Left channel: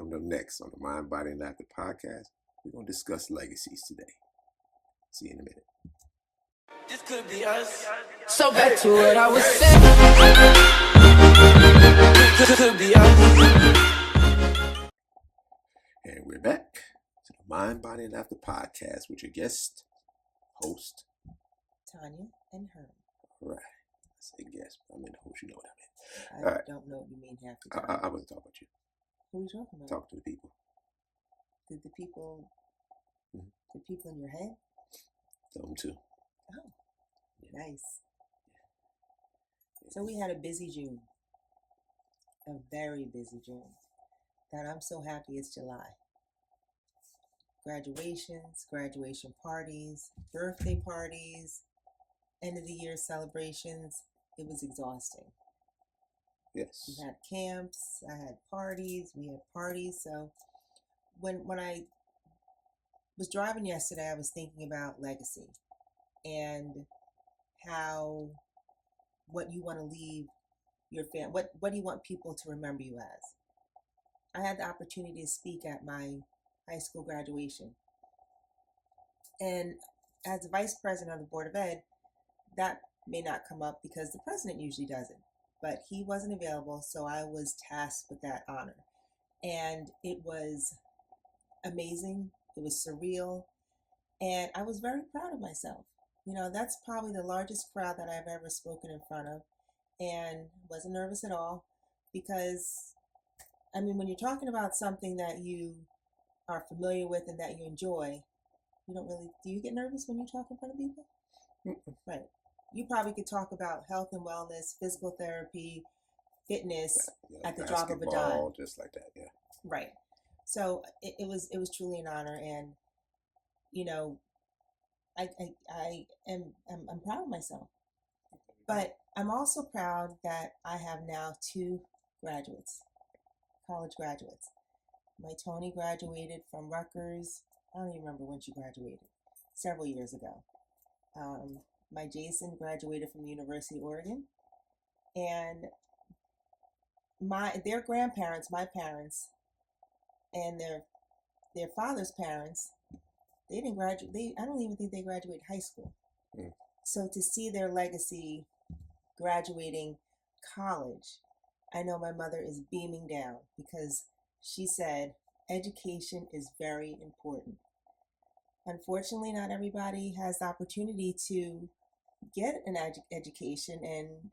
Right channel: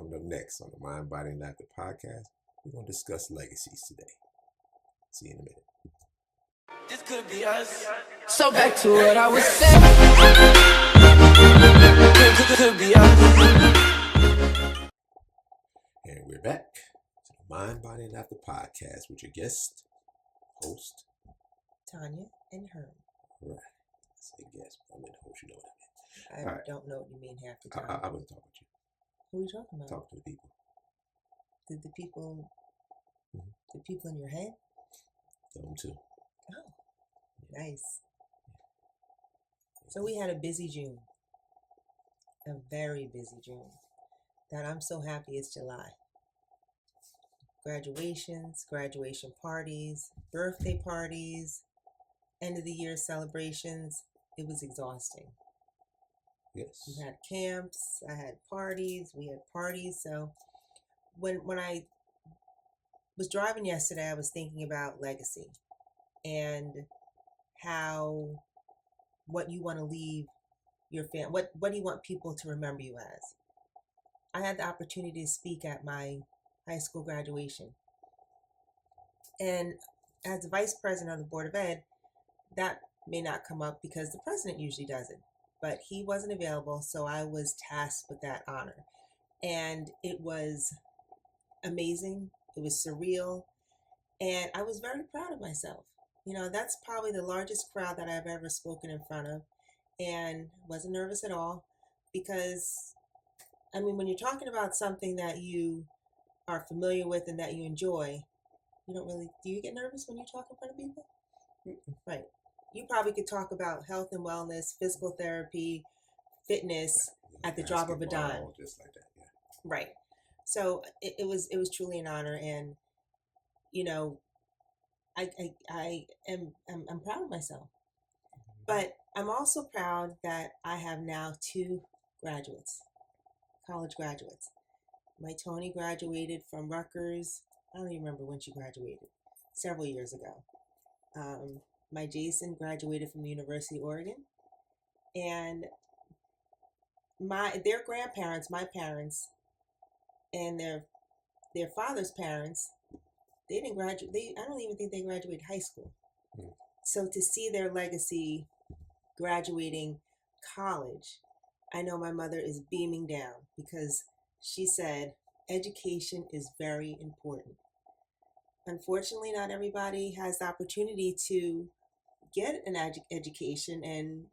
Coming up next on the Mind, Body, and Laughter podcast, we're going to discuss legacies today. See you in a minute. This could be us. So back to what I was saying. Could be us. And we're back to the Mind, Body, and Laughter podcast with your guest, host, Tonya and Herm. Right. I say guest, but I mean the host, you know what I mean. I don't know what you mean half the time. I wasn't talking about you. Who are you talking about? Talk to the people. Did the people in your head? Them too. Oh, nice. So we had a busy June. A very busy June. That I'm so happy it's July. Graduations, graduation parties, birthday parties, end of the year celebrations. It was exhausting. Yes. We had camps, I had parties, we had parties. So when I was driving yesterday, I was thinking about legacy and what you want to leave your family. What do you want people to remember you as? I had the opportunity to speak at my high school graduation. And as the vice president of the Board of Ed, that may not come up because the president usually does it. But he wasn't available, so I was tasked with that honor. And it was amazing. It was surreal. And I was very proud of myself. You know, that's probably the largest crowd that I've ever spoken in front of. And wasn't nervous at all because, I mean, when you're talking about something that you are familiar with and that you enjoy, you don't really, do you get nervous when you talk in front of people? Right. You probably could talk about health and wellness, physical therapy, fitness at the drop of a dime. Just like that, yeah. Right. So it was truly an honor, and you know, I'm proud of myself. But I'm also proud that I have now 2 graduates, college graduates. My Tony graduated from Rutgers. I don't even remember when she graduated, several years ago. My Jason graduated from the University of Oregon, and their grandparents, my parents, and their father's parents, they didn't graduate. I don't even think they graduated high school. So to see their legacy graduating college, I know my mother is beaming down because she said education is very important. Unfortunately, not everybody has the opportunity to get an education, and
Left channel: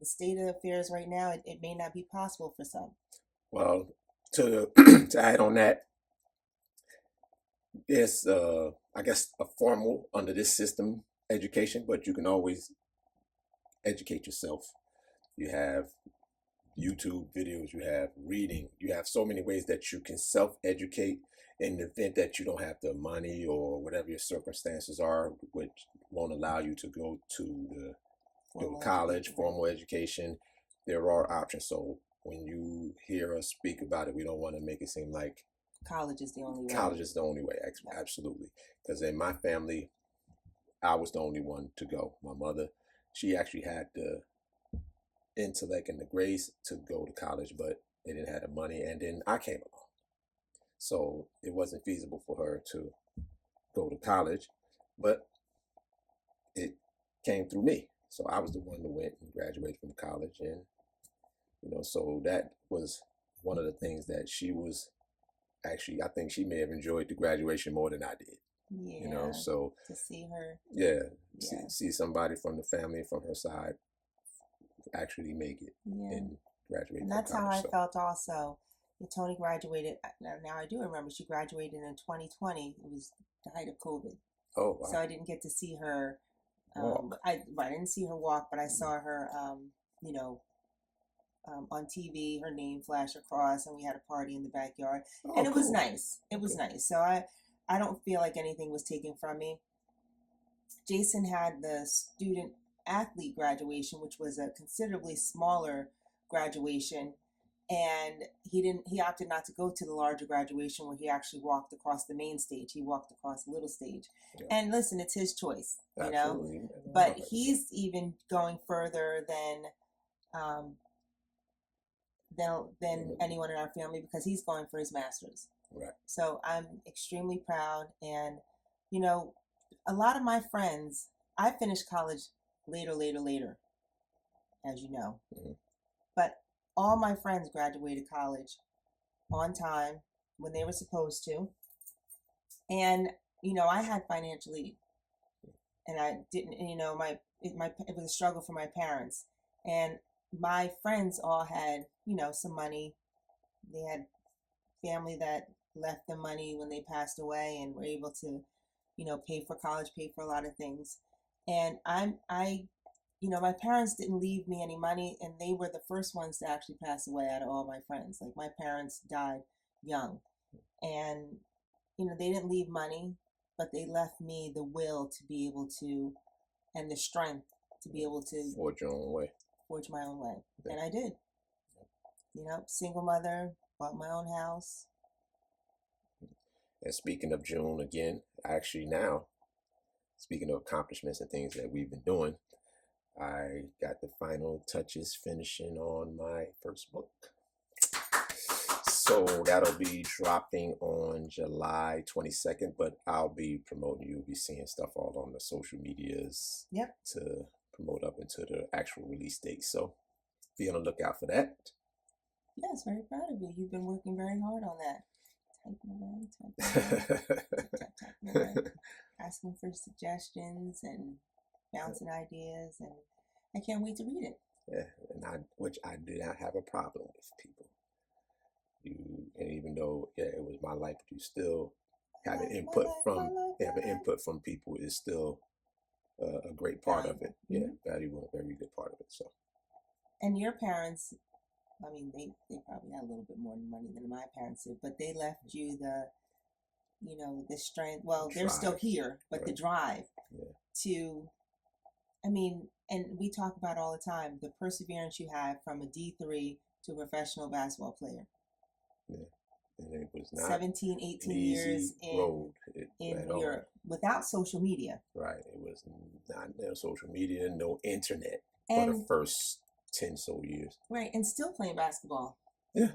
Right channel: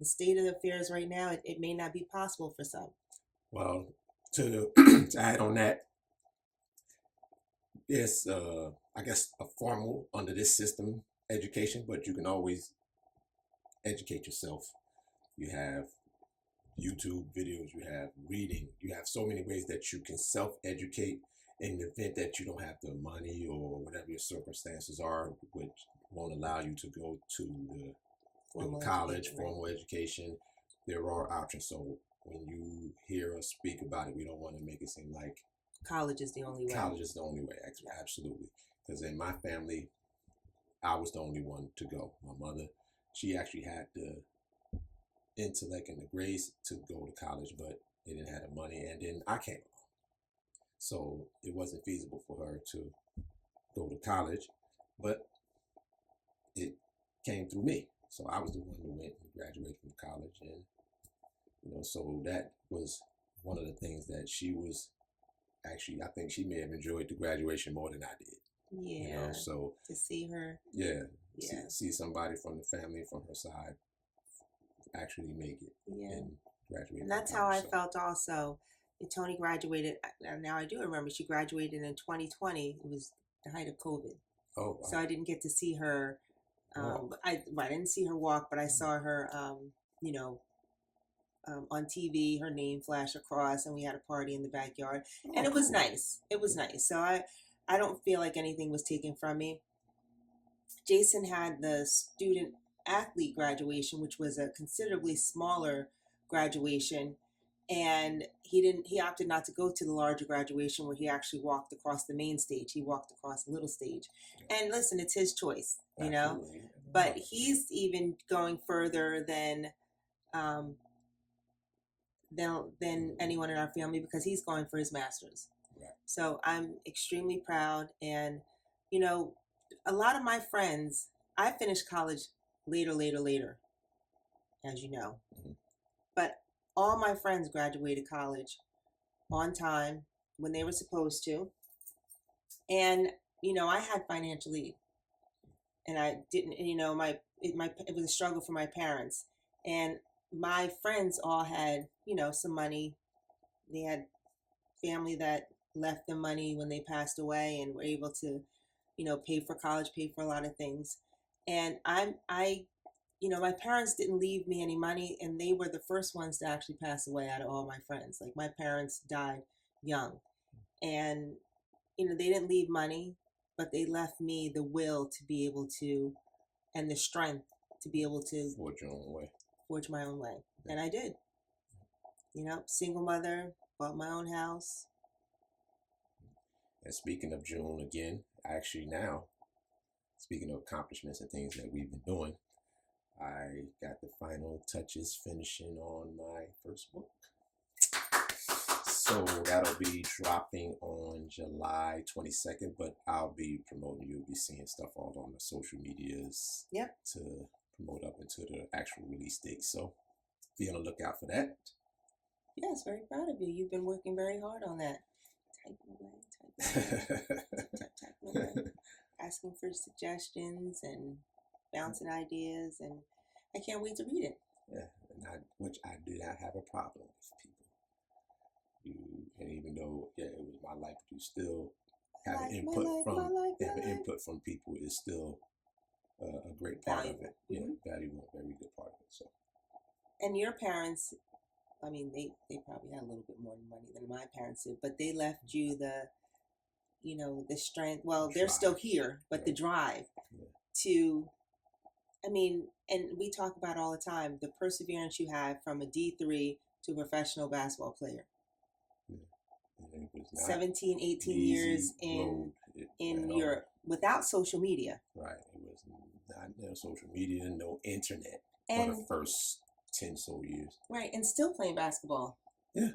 the state of affairs right now, it may not be possible for some. Well, to add on that, there's I guess a formal under this system education, but you can always educate yourself. You have YouTube videos, you have reading, you have so many ways that you can self-educate in the event that you don't have the money or whatever your circumstances are, which won't allow you to go to the college, formal education. There are options. So when you hear us speak about it, we don't want to make it seem like college is the only way. College is the only way, absolutely. Because in my family, I was the only one to go. My mother, she actually had the intellect and the grace to go to college, but they didn't have the money, and then I came along. So it wasn't feasible for her to go to college, but it came through me. So I was the one who went and graduated from college, and so that was one of the things that she was actually, I think she may have enjoyed the graduation more than I did. Yeah. So to see her. Yeah. See somebody from the family, from her side, actually make it and graduate. And that's how I felt also. Tony graduated. Now I do remember she graduated in 2020. It was the height of COVID. Oh, wow. So I didn't get to see her. I didn't see her walk, but I saw her. On TV, her name flashed across, and we had a party in the backyard, and it was nice. It was nice. So I don't feel like anything was taken from me. Jason had the student athlete graduation, which was a considerably smaller graduation. And he opted not to go to the larger graduation where he actually walked across the main stage. He walked across the little stage. Yeah. And listen, it's his choice, Absolutely. But he's even going further than than anyone in our family because he's going for his master's. Right. So I'm extremely proud. And, you know, a lot of my friends, I finished college later, as you know. Mhm. But all my friends graduated college on time when they were supposed to. And, you know, I had financial aid and I didn't, and, you know, it was a struggle for my parents. And my friends all had, you know, some money. They had family that left them money when they passed away and were able to, you know, pay for college, pay for a lot of things. And you know, my parents didn't leave me any money, and they were the first ones to actually pass away out of all my friends. Like my parents died young, and you know, they didn't leave money, but they left me the will to be able to, and the strength to be able to Forge your own way. forge my own way. Yeah. And I did. You know, single mother, bought my own house. And speaking of June again, actually now, speaking of accomplishments and things that we've been doing, I got the final touches finishing on my first book. So that'll be dropping on July 22nd, but I'll be promoting, you'll be seeing stuff all on the social medias Yep. to promote up into the actual release date. So be on the lookout for that. Yes, very proud of you. You've been working very hard on that. Typing away, asking for suggestions and bouncing ideas, and I can't wait to read it. Yeah, which I do not have a problem with people. And even though it was my life, you still have an input from people is still a great part of it. Mm-hmm. Yeah, valuable, very good part of it. So. And your parents, I mean, they probably had a little bit more money than my parents did, but they left you the, you know, the strength. Well, they're still here, but the drive to, I mean, and we talk about all the time, the perseverance you have from a D3 to a professional basketball player. Yeah. And it was not 17, 18 years in Europe without social media. Right. It was not no social media, no internet and for the first 10 so years. Right. And still playing basketball. Yeah.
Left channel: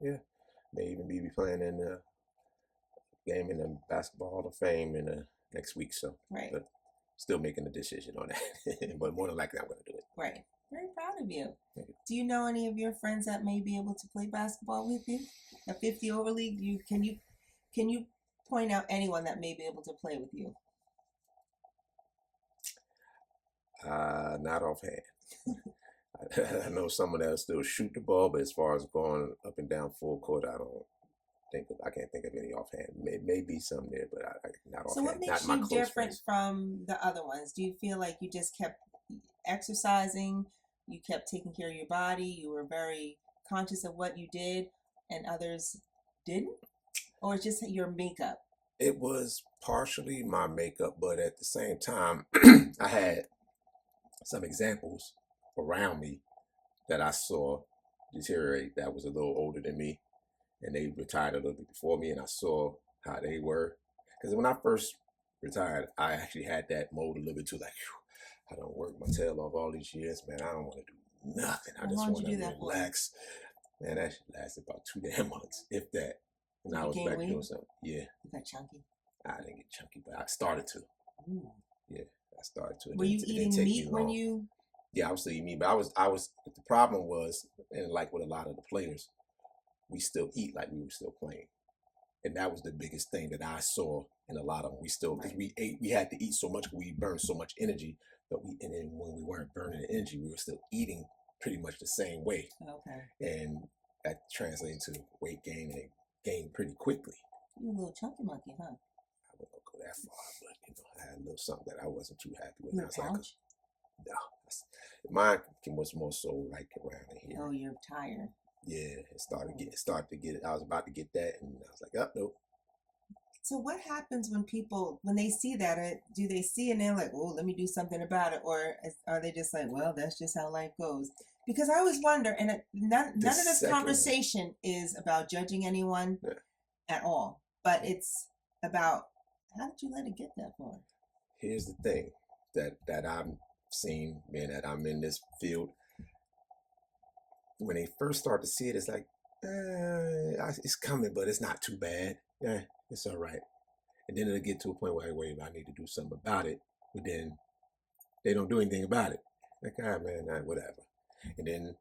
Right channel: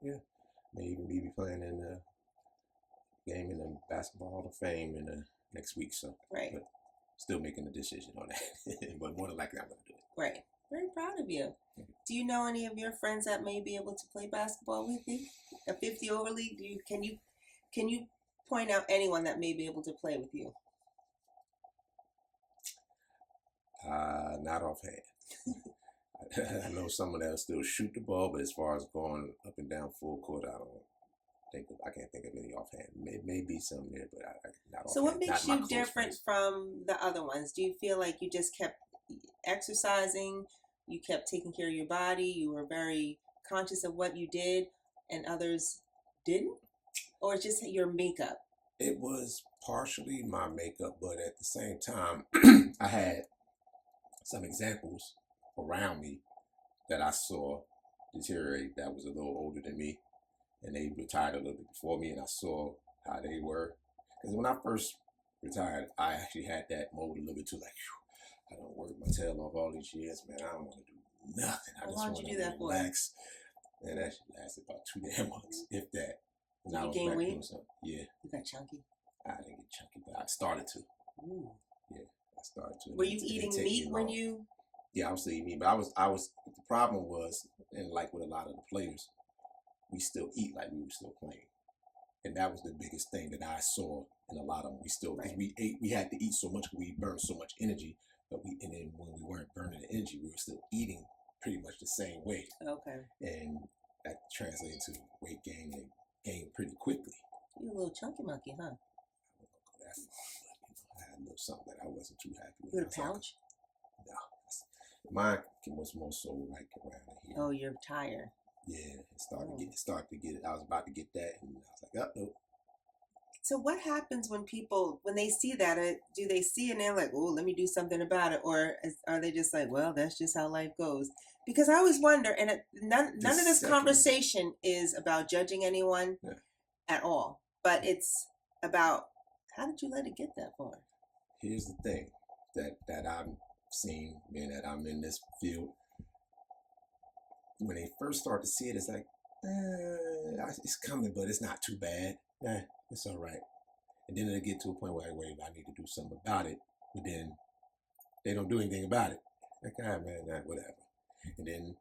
Yeah. May even be playing in the game in the Basketball Hall of Fame in the next week. So, right. But still making a decision on that. But more than likely, I'm going to do it. Right. Very proud of you. Do you know any of your friends that may be able to play basketball with you? A 50 over league? Can you point out anyone that may be able to play with you? Not offhand. I know someone that'll still shoot the ball, but as far as going up and down full court, I can't think of any offhand. Maybe some there, but not offhand. So what makes you different from the other ones? Do you feel like you just kept exercising? You kept taking care of your body? You were very conscious of what you did and others didn't? Or just your makeup? It was partially my makeup, but at the same time, I had some examples around me that I saw deteriorate that was a little older than me, and they retired a little bit before me, and I saw how they were. Because when I first retired, I actually had that mode a little bit too, like, I don't work my tail off all these years, man. I don't want to do nothing. I just want to relax. Man, that lasted about 2 damn months, if that. And I was back doing something. Yeah. You got chunky? I didn't get chunky, but I started to. Ooh. Yeah, I started to. Were you eating meat when you? Yeah, I was still eating meat, but I was. The problem was, and like with a lot of the players, we still eat like we were still playing, and that was the biggest thing that I saw in a lot of them. We still, because we had to eat so much, we burned so much energy, but and then when we weren't burning the energy, we were still eating pretty much the same way. Okay. And that translated to weight gain and gain pretty quickly. You a little chunky monkey, huh? I wouldn't go that far, but I had a little something that I wasn't too happy with. You a pouch? No. Mine was more so like around here. Oh, you're tired. Yeah, it started to get it. I was about to get that, and I was like, oh, nope. So what happens when they see that? Do they see it and they're like, oh, let me do something about it? Or are they just like, well, that's just how life goes? Because I always wonder, and none of this conversation is about judging anyone at all, but it's about, how did you let it get that far? Here's the thing that I've seen, being that I'm in this field. when they first start to see it, it's like, it's coming, but it's not too bad. Yeah, it's all right. And then it'll get to a point where, wait, I need to do something about it. But then they don't do anything about it. Like, man, whatever. And then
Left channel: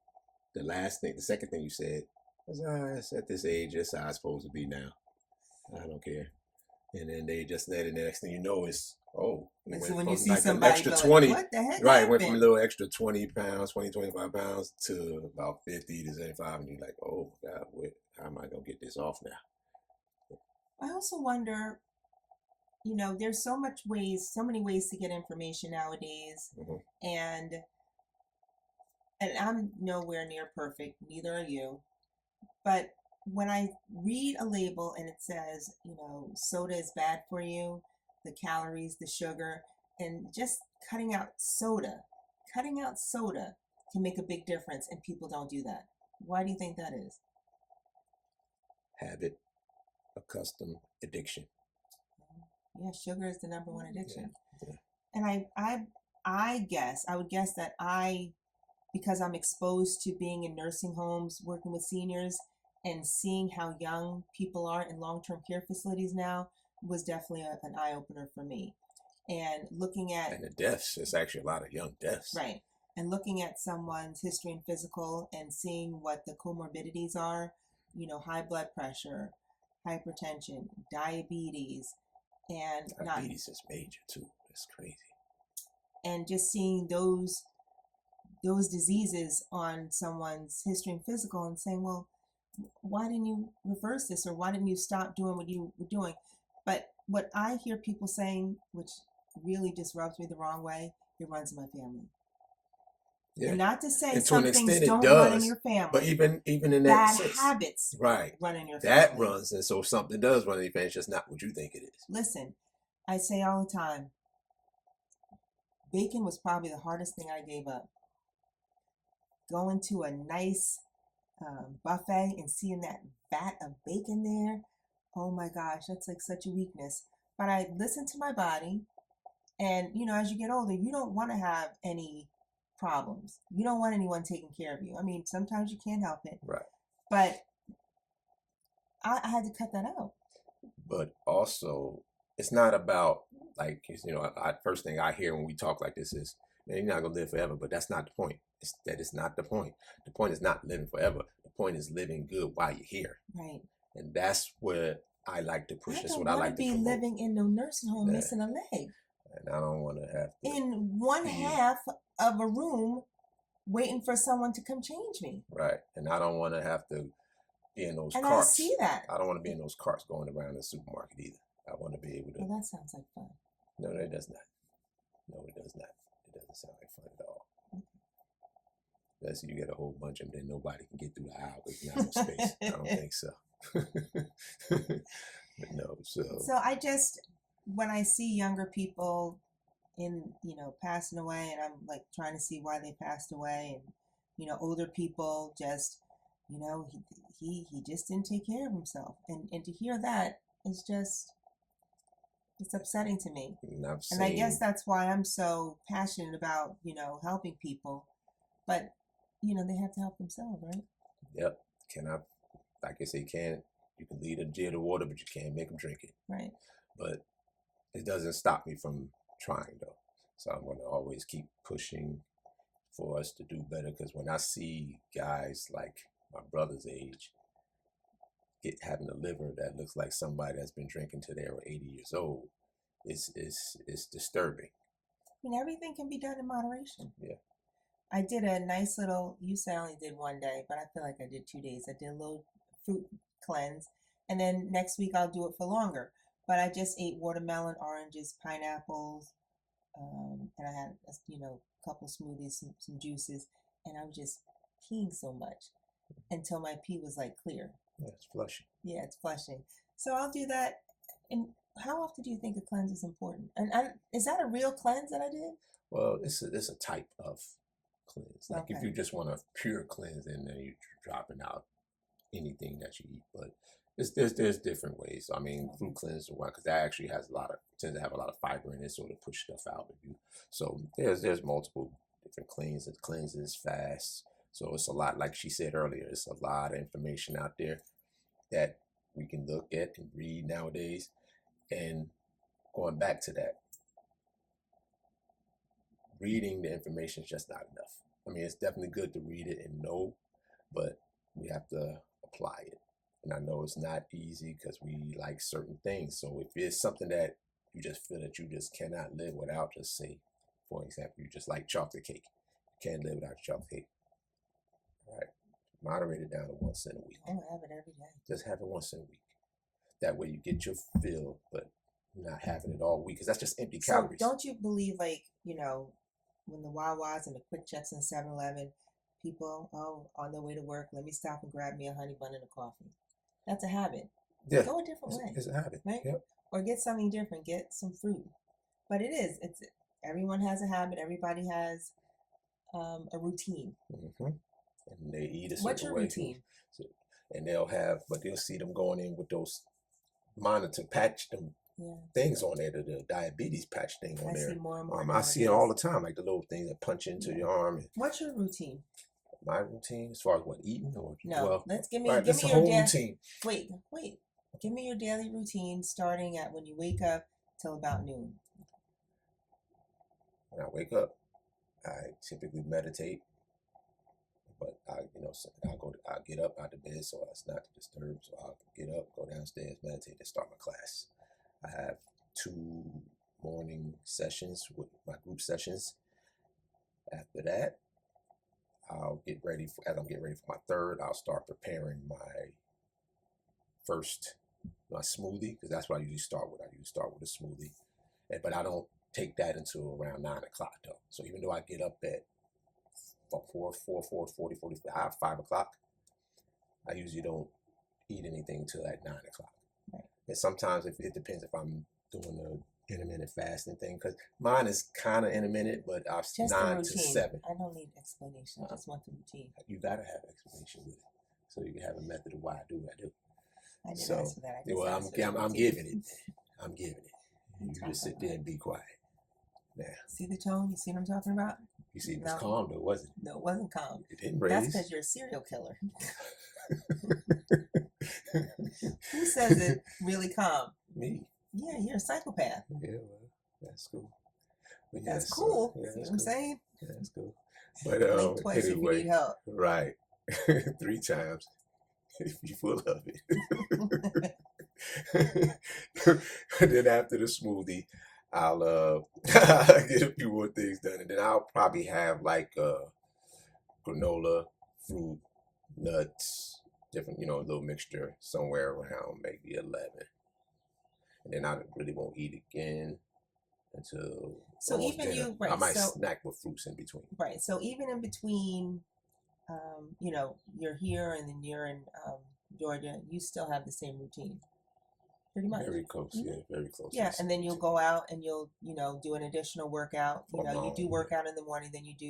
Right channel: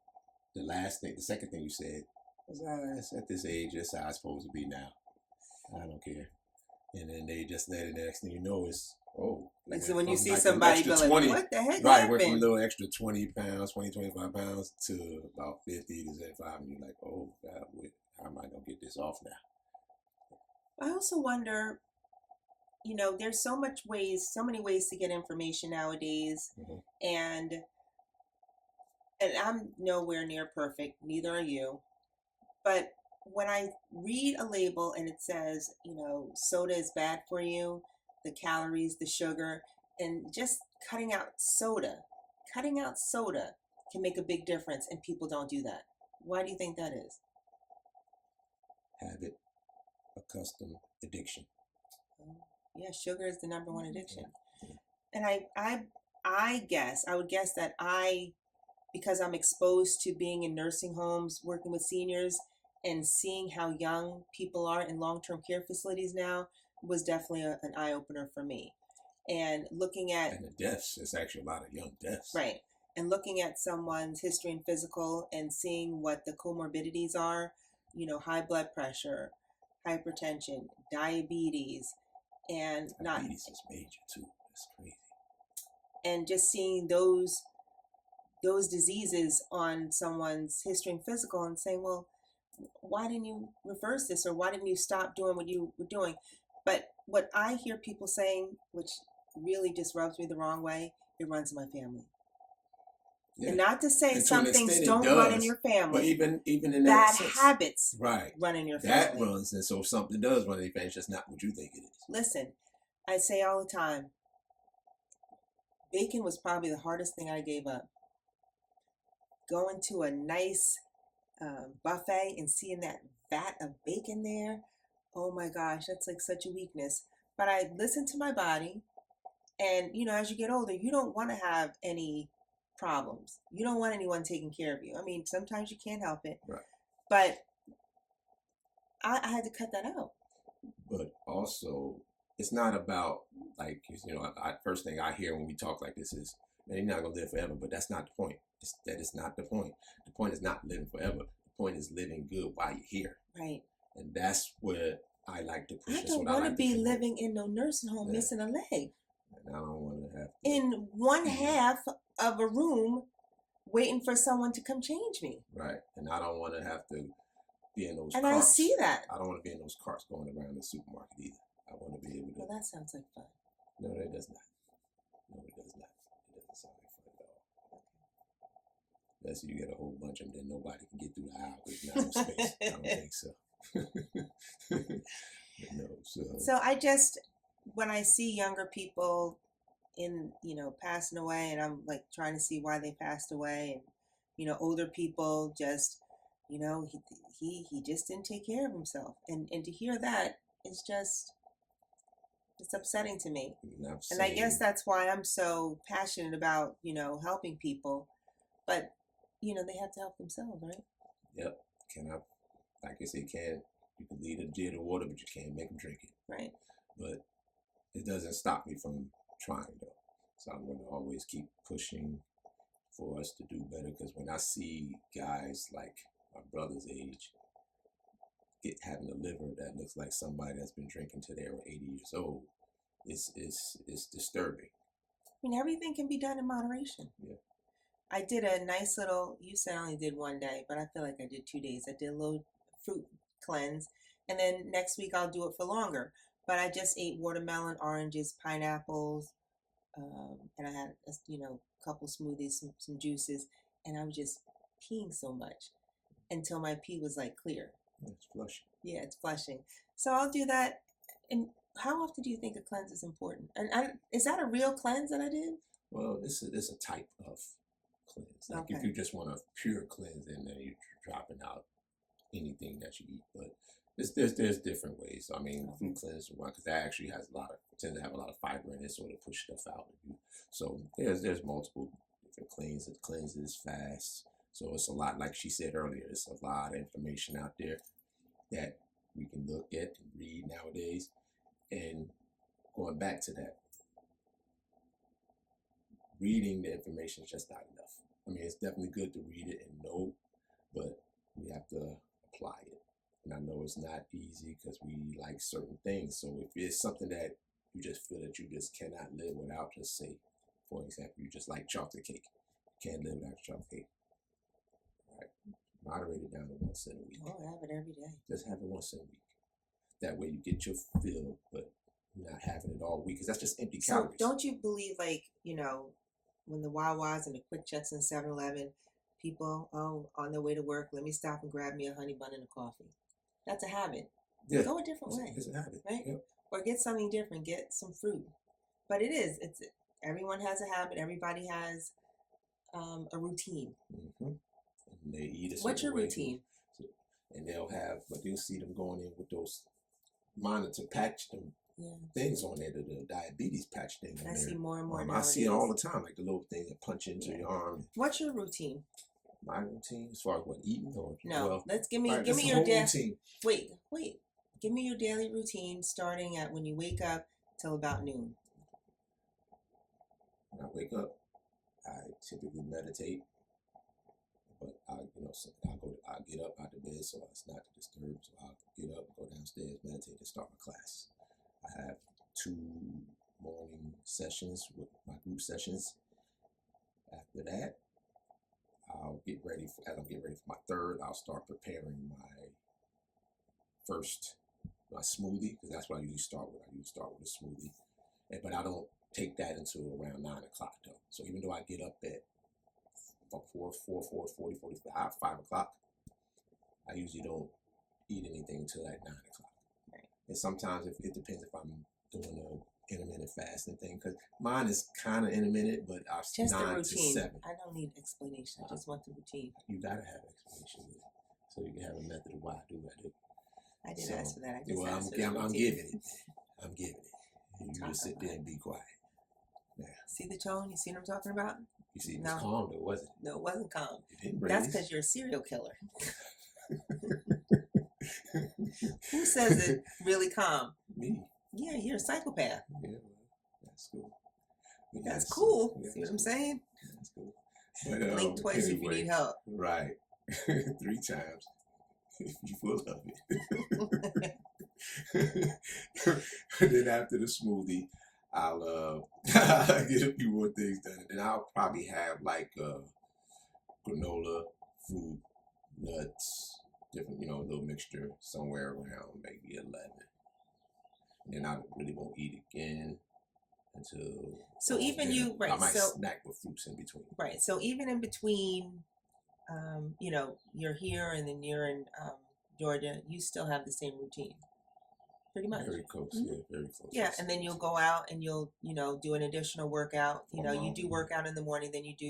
the second thing you said was, it's at this age, that's how I'm supposed to be now. I don't care. And then they just let it. The next thing you know is, And so when you see like somebody extra going, 20, what the heck right, happened? went from a little extra 20 pounds, 20, 25 pounds to about 50 to 75. And you're like, oh, God, how am I going to get this off now? I also wonder, there's so many ways to get information nowadays. Mm-hmm. And I'm nowhere near perfect, neither are you. But when I read a label and it says, soda is bad for you, the calories, the sugar, and just cutting out soda can make a big difference, and people don't do that. Why do you think that is? Habit, custom, addiction. Yeah, sugar is the number one addiction. Yeah. And I would guess that because I'm exposed to being in nursing homes, working with seniors, and seeing how young people are in long-term care facilities now was definitely an eye-opener for me. And looking at... And the deaths, it's actually a lot of young deaths. Right. And looking at someone's history and physical and seeing what the comorbidities are, high blood pressure, hypertension, diabetes, and diabetes is major too. That's crazy. And just seeing those diseases on someone's history and physical and saying, well, why didn't you reverse this, or why didn't you stop doing what you were doing? But what I hear people saying, which really just rubs me the wrong way, it runs in my family. Yeah. And not to say some things don't run in your family, but even in bad that sense, habits, right, run in your family. That runs, and so if something does run in your family, it's just not what you think it is. Listen, I say all the time, bacon was probably the hardest thing I gave up. Going to a nice buffet and seeing that vat of bacon there, oh my gosh, that's like such a weakness. But I listened to my body, and as you get older, you don't want to have any problems. You don't want anyone taking care of you. I mean, sometimes you can't help it. Right. But I had to cut that out. But also, it's not about, like, first thing I hear when we talk like this is, man, you're not going to live forever. But that's not the point. That is not the point. The point is not living forever. The point is living good while you're here. Right. And that's where I like to push. I don't want to be living in no nursing home missing a leg. And I don't want to have to... In one half of a room waiting for someone to come change me. Right. And I don't want to have to be in those carts. And I see that. I don't want to be in those carts going around the supermarket either. I want to be able to... Well, that sounds like fun. No, that does not. No, it does not. It doesn't sound like fun at all. Unless you get a whole bunch of them, then nobody can get through the aisle with no space. I don't think so. No, so I just, when I see younger people passing away, and I'm like trying to see why they passed away, and older people just, he just didn't take care of himself, and to hear that is just, it's upsetting to me. And I guess that's why I'm so passionate about helping people, but they have to help themselves, right? Yep. Like I say, you can lead a deer to water, but you can't make them drink it. Right. But it doesn't stop me from trying, though. So I'm going to always keep pushing for us to do better, because when I see guys like my brother's age having a liver that looks like somebody that's been drinking till they were 80 years old, it's disturbing. I mean, everything can be done in moderation. Yeah. I did a nice little, you said I only did one day, but I feel like I did 2 days. I did a little fruit cleanse, and then next week I'll do it for longer. But I just ate watermelon, oranges, pineapples, and I had a couple smoothies, some juices, and I was just peeing so much until my pee was like clear. Yeah, it's flushing. Yeah, it's flushing. So I'll do that. And how often do you think a cleanse is important? And is that a real cleanse that I did? Well, it's a type of cleanse. Like if you just want a pure cleanse, and then you're dropping out anything that you eat. But there's different ways. I mean, fruit cleanse is one, because that actually tends to have a lot of fiber in it, so to push stuff out of you. So there's multiple different cleanses, fast, So it's a lot, like she said earlier, it's a lot of information out there that we can look at and read nowadays. And going back to that, reading the information is just not enough. I mean, it's definitely good to read it and know, but we have to apply it. And I know it's not easy because we like certain things. So if it's something that you just feel that you just cannot live without, just say, for example, you just like chocolate cake. You can't live without chocolate cake. All right. Moderate it down to once in a week. Oh, I have it every day. Just have it once in a week. That way you get your fill, but not having it all week, because that's just empty calories. So don't you believe, like, when the Wawas and the Quick Checks and 7-Eleven, people, on their way to work, let me stop and grab me a honey bun and a coffee. That's a habit. Yeah. Go a different way. It's a habit. Right? Yep. Or get something different. Get some fruit. But everyone has a habit. Everybody has a routine. Mm-hmm. And they eat a certain What's your way routine? too. And they'll see them going in with those things on there, the diabetes patch thing on I there. see more and more. I see it all the time, like the little things that punch into your arm. What's your routine? My routine, as far as what, eating or let's give me your routine. Wait. Give me your daily routine starting at when you wake up till about noon. When I wake up, I typically meditate, but I'll get up out of bed so as not to disturb. So I'll get up, go downstairs, meditate, and start my class. I have 2 morning sessions with my group sessions. After that, as I'm getting ready for my third, I'll start preparing my smoothie, because that's what I usually start with. I usually start with a smoothie, but I don't take that until around 9 o'clock though. So even though I get up at 4:45, 5 o'clock, I usually don't eat anything until like 9 o'clock. Right. And sometimes it depends if I'm doing a intermittent fasting thing, because mine is kind of intermittent, but I'm Just 9 the to routine. 7. I don't need explanation. I just want the routine. You gotta have explanation with it, so you can have a method of why I do what I do. I didn't ask for that. I just Well, asked for the I'm routine. giving it. I'm giving it. You just sit there and be quiet. Now, see the tone? You see what I'm talking about? you see, it was No. calm though, wasn't it? No, it wasn't calm. It didn't raise. That's because you're a serial killer. Who says it really calm? Me. Yeah, you're a psychopath. Yeah, well, that's cool. But That's yes, yeah, cool. See that's what I'm cool. saying? Yeah, that's cool. But Blink twice if you need help. Right. 3 times if you full of it. Then after the smoothie, I'll get a few more things done, and then I'll probably have like granola, fruit, nuts, different, little mixture somewhere around maybe 11. And then I really won't eat again until So even dinner. you, right? I might So snack with fruits in between. right. So even in between, you're here and then you're in Georgia, you still have the same routine, pretty much. Very close, Mhm. yeah, very close. Yeah, and then you'll go out and you'll, do an additional workout. You do Alone. work out in the morning, then you do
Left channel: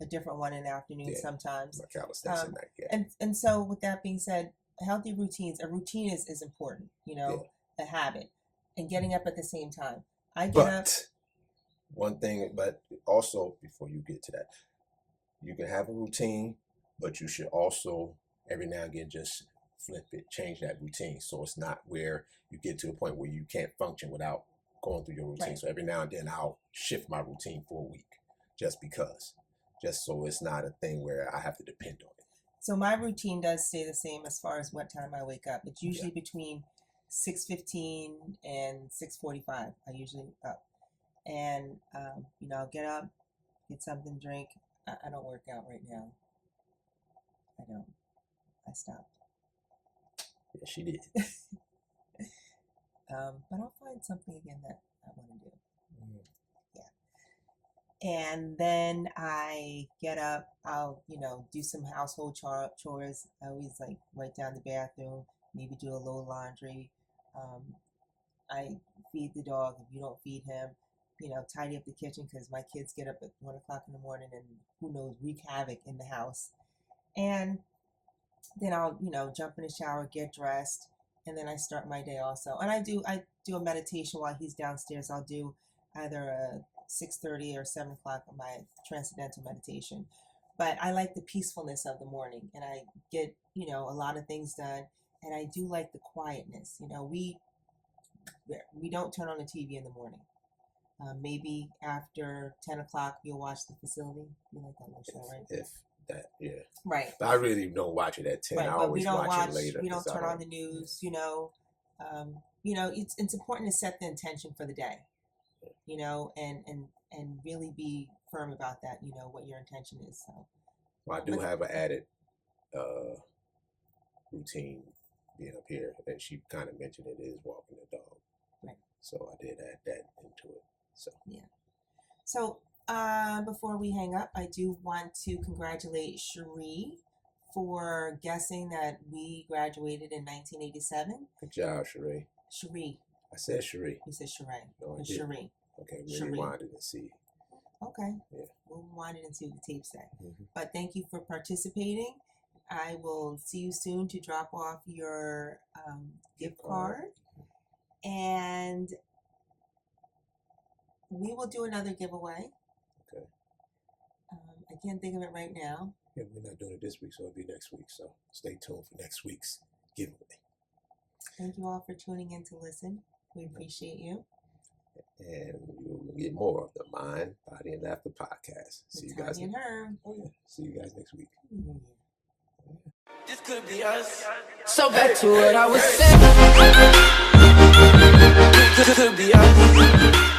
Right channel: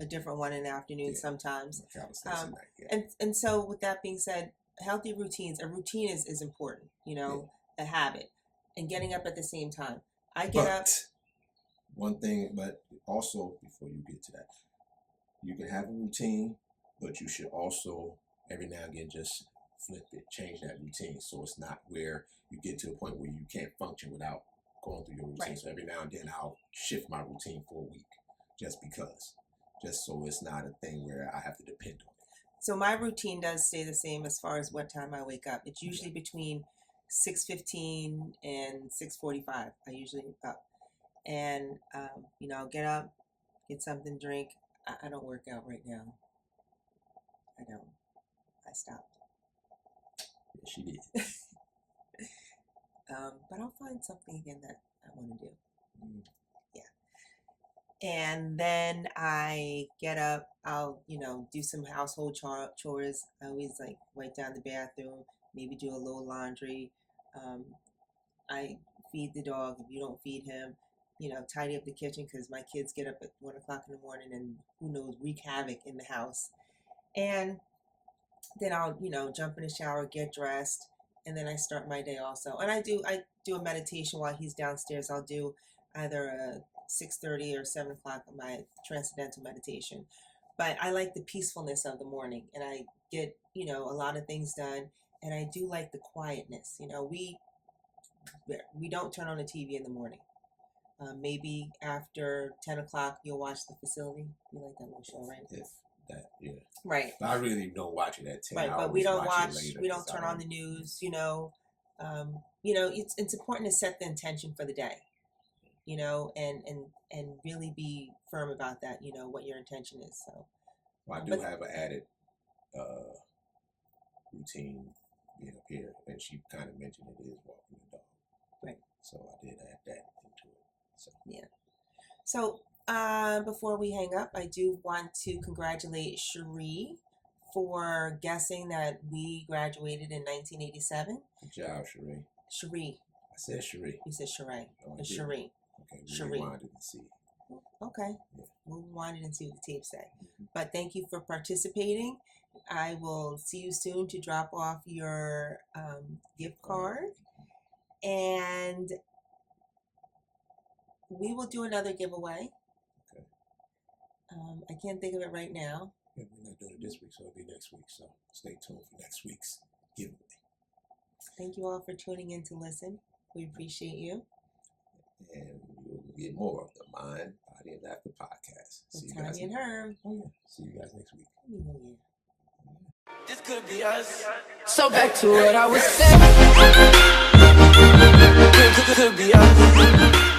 a different one in the afternoon Yeah. sometimes. My calisthenics at night, yeah. And so with that being said, healthy routines, a routine is important, a habit, and getting up at the same time. I get up. But one thing, but also before you get to that, you can have a routine, but you should also every now and again just flip it, change that routine, so it's not where you get to a point where you can't function without going through your routine. Right. So every now and then I'll shift my routine for a week, just so it's not a thing where I have to depend on it. So my routine does stay the same as far as what time I wake up. It's usually between 6:15 and 6:45. I usually up, and I'll get up, get something to drink. I don't work out right now. I don't. I stopped. Yeah, she did. But I'll find something again that I want to do. Mm. And then I get up, I'll, do some household chores. I always like wipe down the bathroom, maybe do a little laundry. I feed the dog if you don't feed him, tidy up the kitchen because my kids get up at 1 o'clock in the morning and who knows, wreak havoc in the house. And then I'll, jump in the shower, get dressed, and then I start my day also. And I do a meditation while he's downstairs. I'll do either a 6:30 or 7 o'clock my transcendental meditation, but I like the peacefulness of the morning, and I get, a lot of things done, and I do like the quietness. We don't turn on the TV in the morning. Maybe after 10 o'clock, you'll watch The Facility. You like that little show, right? If that, yeah. Right. But I really don't watch it at 10. Right, I but we always don't watch it later. we don't 'cause I turn on the news, it's important to set the intention for the day, and really be firm about that, what your intention is. So, Well, I do have an added routine being up here, and she kind of mentioned it is walking the dog. Right. So I did add that into it. So yeah. So before we hang up, I do want to congratulate Cherie for guessing that we graduated in 1987. good job, Sheree. Cherie. I said Sheree. You said Cherie. No, I It's didn't. Cherie. Okay, Sheree. rewind it and see. Okay. Yeah. We'll rewind it and see what the tapes say. Mhm. But thank you for participating. I will see you soon to drop off your gift card. And we will do another giveaway. Okay. I can't think of it right now. Yeah, we're not doing it this week, so it'll be next week. So stay tuned for next week's giveaway. Thank you all for tuning in to listen. We appreciate you. And you'll get more of the Mind, Body, and Laughter podcast. See you guys. Tonya and Herm. Oh yeah. See you guys next week. This could be us. So back to what I was saying. Could be us.